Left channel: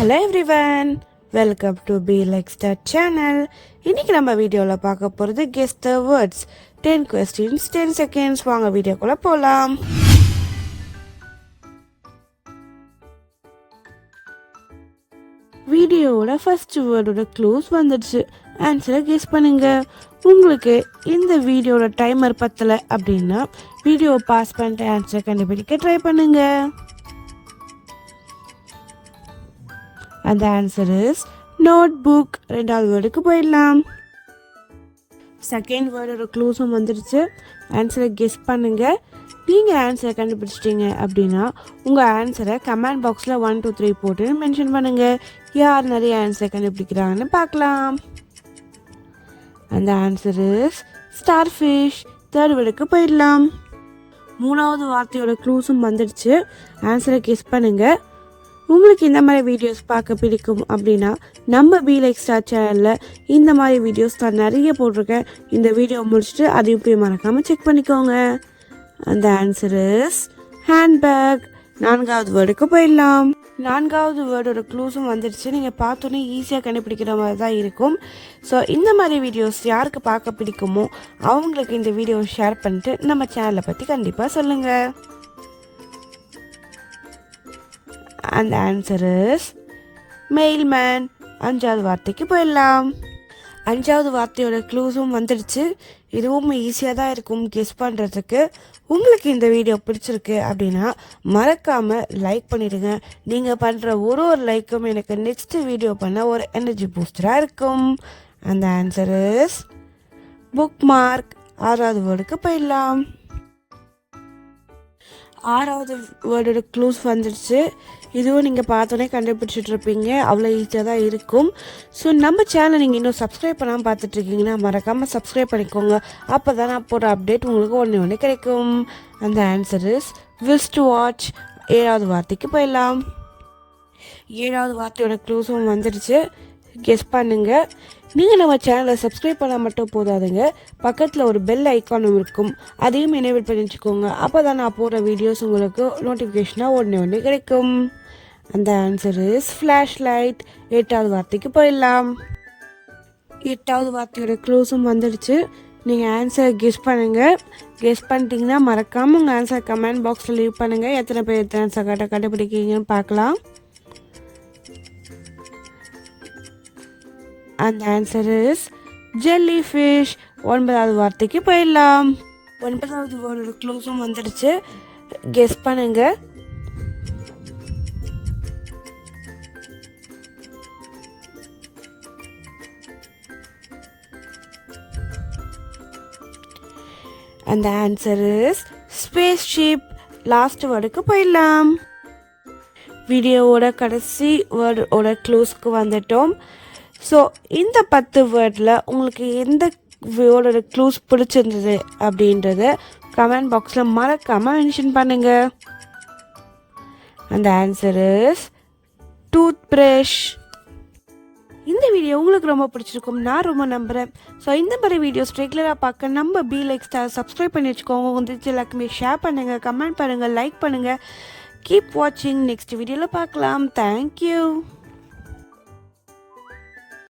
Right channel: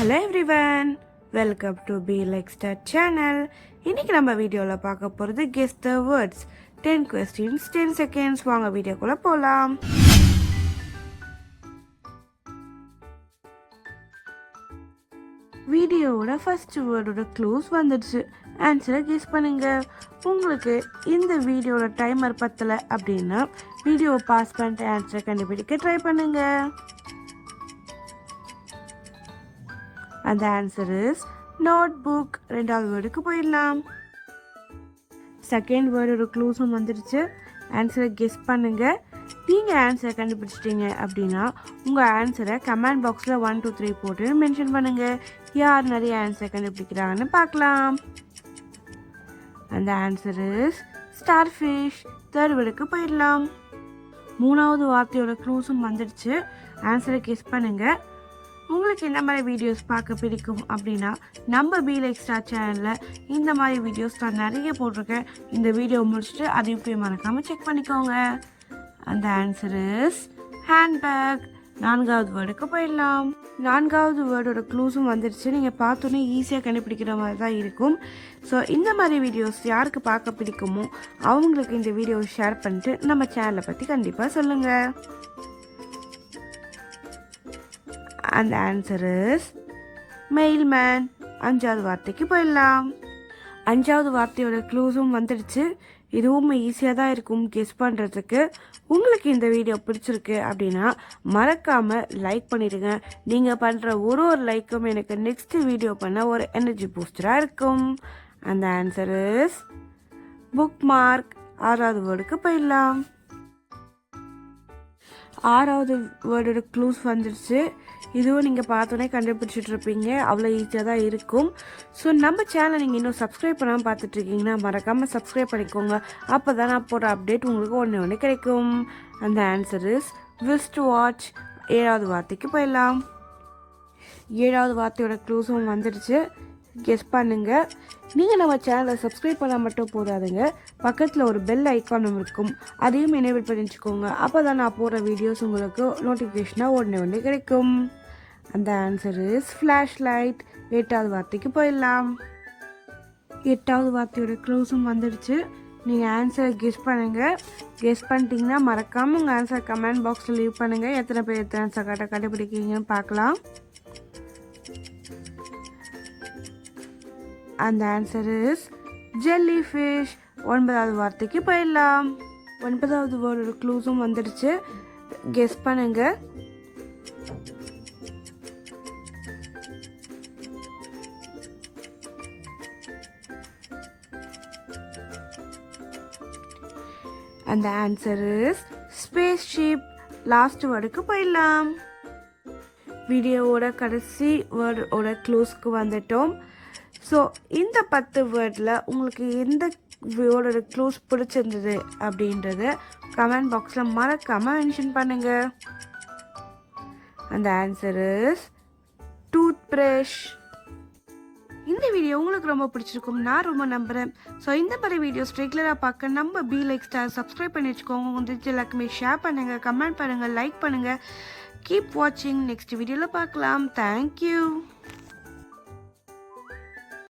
Hello everyone, welcome to be like star channel. இன்னைக்கு நம்ம வீடியோவில் பார்க்க போகிறது guess the words 10 questions 10 seconds. வாங்க வீடியோக்குள்ளே போகலாம். வீடியோவோட ஃபர்ஸ்ட் வேர்டோட க்ளூஸ் வந்துடுச்சு. ஆன்சரை கெஸ் பண்ணுங்க. உங்களுக்கு இந்த வீடியோட டைமர் பத்தலை அப்படின்னா வீடியோ பாஸ் பண்ணிட்டு ஆன்சரை கண்டுபிடிக்க ட்ரை பண்ணுங்க. அந்த ஆன்சர் இஸ் நோட் புக். ரெண்டாவது வேர்டுக்கு போயிடலாம். செகண்ட் வேர்டோட க்ளூஸும் வந்துடுச்சு. ஆன்சரை கெஸ் பண்ணுங்க. நீங்கள் ஆன்சரை கண்டுபிடிச்சிட்டீங்க அப்படின்னா உங்கள் ஆன்சரை கமெண்ட் பாக்ஸில் 1 2 3 போட்டு மென்ஷன் பண்ணுங்க. யார் நிறைய ஆன்சரை கண்டுபிடிக்கிறாங்கன்னு பார்க்கலாம். அந்த answer is starfish. Third வேர்டுக்கு போயிடலாம். மூணாவது வார்த்தையோட க்ளூஸும் வந்துடுச்சு. ஆன்சரை கெஸ் பண்ணுங்க. உங்களுக்கு இந்த மாதிரி வீடியோஸ் பார்க்க பிடிக்கும் அப்படின்னா நம்ம பி லைக் ஸ்டார் சேனலில் இந்த மாதிரி வீடியோஸ் நான் நிறைய போட்டிருக்கேன். இந்த வீடியோ முடிச்சுட்டு அதையும் போய் மறக்காமல் செக் பண்ணிக்கோங்க. அந்த ஆன்சர் இஸ் ஹேண்ட்பேக். நான்காவது வேர்டுக்கு போயிடலாம். நான்காவது வேர்டோட க்ளூஸும் வந்துடுச்சு. நீங்கள் பார்த்தோன்னே ஈஸியாக கண்டுபிடிக்கிற மாதிரி தான் இருக்கும். ஸோ இந்த மாதிரி வீடியோஸ் யாருக்கு பார்க்க பிடிக்குமோ அவங்களுக்கு இந்த வீடியோவை ஷேர் பண்ணிட்டு நம்ம சேனலை பற்றி கண்டிப்பாக சொல்லுங்கள். அந்த ஆன்சர் இஸ் மெயில்மேன். அஞ்சாவது வார்த்தைக்கு போயிடலாம். அஞ்சாவது வார்த்தையோட க்ளூஸும் வந்துடுச்சு. இதுவும் ஈஸியாக தான் இருக்கும் கெஸ் பண்ணுறதுக்கு. உங்களுக்கு இந்த வீடியோ பிடிச்சிருக்கு அப்படின்னா மறக்காமல் லைக் பண்ணிடுங்க. நீங்கள் பண்ணுற ஒரு லைக்கும் எனக்கு நெக்ஸ்ட் வீடியோ பண்ண ஒரு எனர்ஜி பூஸ்டராக இருக்கும். அந்த ஆன்சர் இஸ் புக் மார்க். ஆறாவது வேர்டுக்கு போயிடலாம். ஆறாவது வேர்டோட க்ளூஸ் வந்துடுச்சு. இதுவும் நீங்கள் பார்த்தோன்னே கண்டுபிடிச்சிட்டு இருப்பீங்க. அவ்வளோ ஈஸியாக தான் இருக்கும். ஸோ நம்ம சேனல் நீங்கள் இன்னும் சப்ஸ்கிரைப் பண்ணாமல் பார்த்துட்ருக்கீங்கன்னா மறக்காமல் சப்ஸ்கிரைப் பண்ணிக்கோங்க. அப்போ தான் நான் போகிற அப்டேட் உங்களுக்கு ஒன்று கிடைக்கும். அந்த ஆன்சர் இஸ் விஸ்ட் வாட்ச். ஏழாவது வார்த்தைக்கு போயிடலாம். ஏழாவது வார்த்தையோட க்ளூஸும் வந்துடுச்சு. கெஸ் பண்ணுங்க. நீங்கள் நம்ம சேனலை சப்ஸ்கிரைப் பண்ணால் மட்டும் போதாதுங்க, பக்கத்தில் ஒரு பெல் ஐக்கானும் இருக்கும். அதையும் எனேபிள் பண்ணி வச்சுக்கோங்க. அப்போ தான் நான் போடுற வீடியோஸ் உங்களுக்கு நோட்டிஃபிகேஷனாக ஒன்று கிடைக்கும். அந்த ஆன்சர் இஸ் ஃப்ளாஷ் லைட். எட்டாவது வார்த்தைக்கு போயிடலாம். எட்டாவது வார்த்தையோட க்ளூஸும் வந்துடுச்சு. நீங்கள் ஆன்சரை கெஸ் பண்ணுங்கள். கெஸ் பண்ணிட்டீங்கன்னா மறக்காமல் உங்கள் ஆன்சர் கமெண்ட் பாக்ஸில் லீவ் பண்ணுங்கள். எத்தனை பேர் எத்தனை ஆன்சர் கண்டுபிடிக்கிறீங்கன்னு பார்க்கலாம். அந்த ஆன்சர் இஸ் ஜெல்லி ஃபிஷ். ஒன்பதாவது வார்த்தைக்கு போயிடலாம். ஒன்பதாவது வேர்டோட க்ளூஸும் வந்துடுச்சு. கெஸ் பண்ணுங்க. அந்த answer is spaceship. Last வேர்டுக்கு போயிடலாம். வீடியோவோட கடைசி வேர்டோட க்ளூஸ்க்கு வந்துட்டோம். ஸோ இந்த 10 வேர்டில் உங்களுக்கு எந்த வேர்டோட க்ளூஸ் பிடிச்சிருந்தது அப்படின்றத கமெண்ட் பாக்ஸில் மறக்காமல் மென்ஷன் பண்ணுங்கள். அந்த ஆன்சர் இஸ் டூத் ப்ரஷ். இந்த வீடியோ உங்களுக்கு ரொம்ப பிடிச்சிருக்கும் நான் ரொம்ப நம்புகிறேன். ஸோ இந்த மாதிரி வீடியோஸ் ரெகுலராக பார்க்க நம்ம பி லைக் ஸ்டார் சப்ஸ்கிரைப் பண்ணி வச்சுக்கோங்க. வந்துச்சு எல்லாருக்குமே ஷேர் பண்ணுங்கள், கமெண்ட் பண்ணுங்கள், லைக் பண்ணுங்கள். கீப் வாட்சிங். நெக்ஸ்ட் வீடியோவில் பார்க்கலாம். தேங்க்யூ.